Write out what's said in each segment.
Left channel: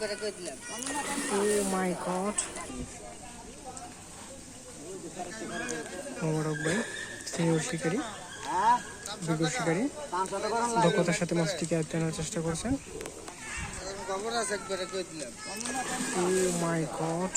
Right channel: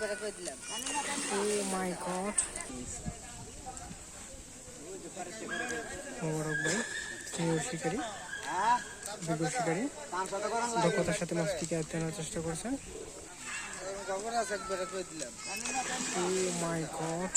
Oh my god. মোবারক ভাই senior শিকারী, বিজ্ঞ শিকারী, দক্ষতার সাথে মাছটিকে আয়ত্তে আনার চেষ্টা করছেন। Oh my god.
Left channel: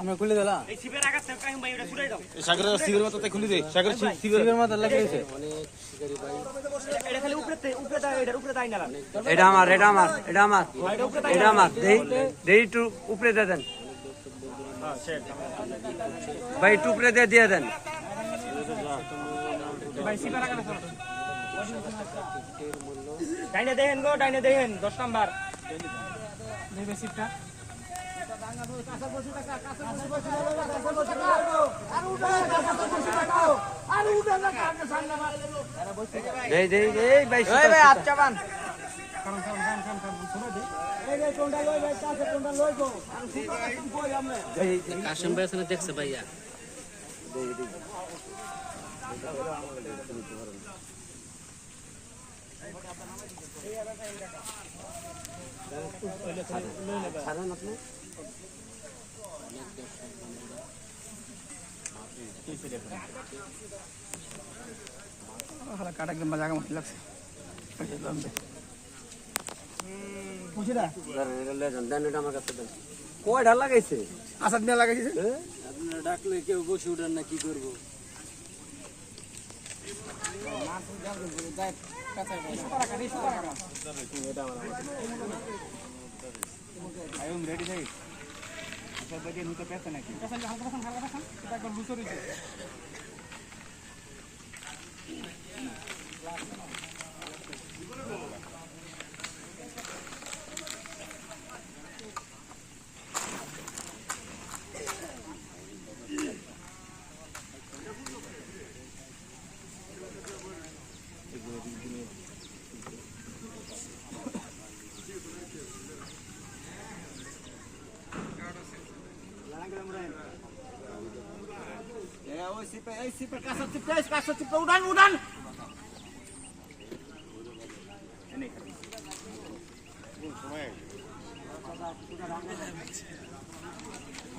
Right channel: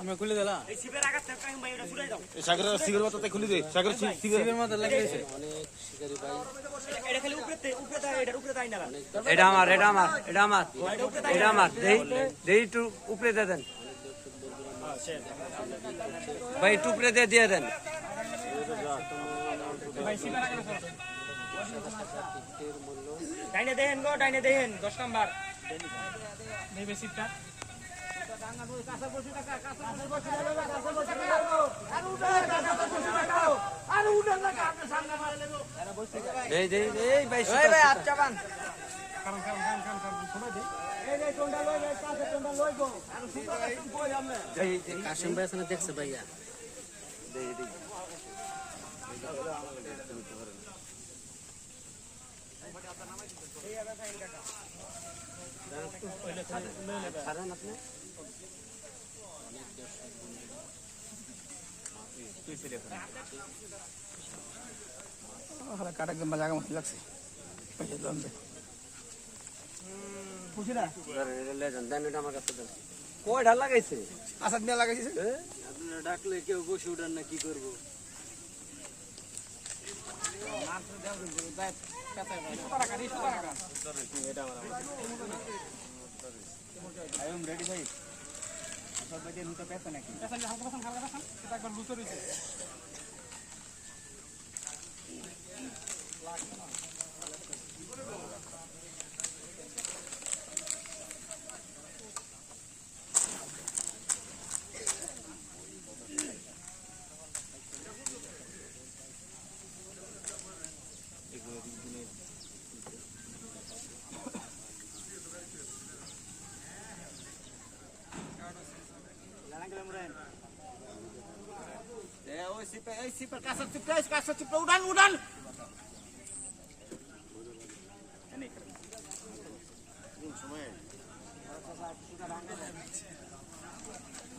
আমরা খুলে দিলাম সাগরের সিগের মাথাতে খুলে দে সাগরের সিগের মাথা লাগিয়েছে এটা আমার দেই একটু উপরে দিয়ে দেন ভাই, একটু উপরে দিয়ে দেন। ডাইনে দেখেন 10 নাম্বার কাশিম ভাই আছে না দেখছে ভাইয়া কাটা একদম জায়গা মতো লাগছে। কয়টা লাগাইছে? আসাদ নিয়ে লাগাইছে। ডাকলে কেউ বসে উঠেন না, কি করবো?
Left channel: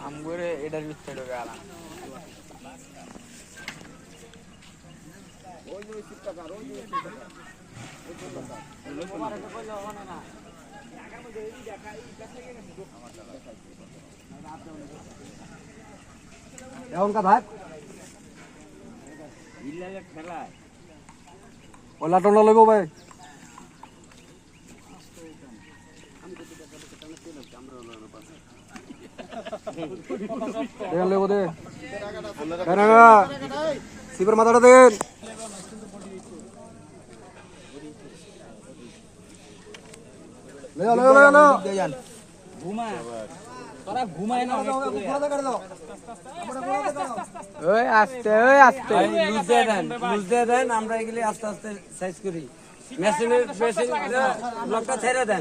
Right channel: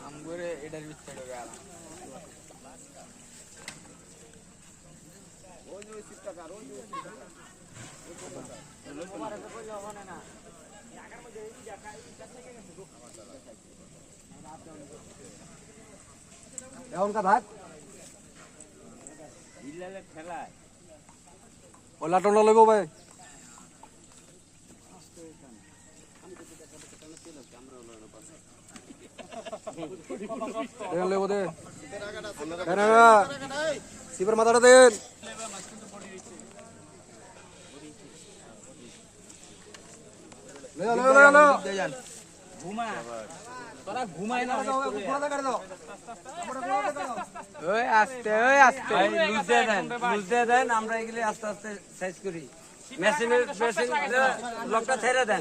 আমগরে এটার ভিতরে ঢোকে আলাম। এখনকার ভাই ওলা টোলা লইব ভাই লইব দে শিবের মাথাটা দেন আমরা এগুলি আস্তে আস্তে সাইজ করি। মেশিনের লকটা ছেড়ে দেন।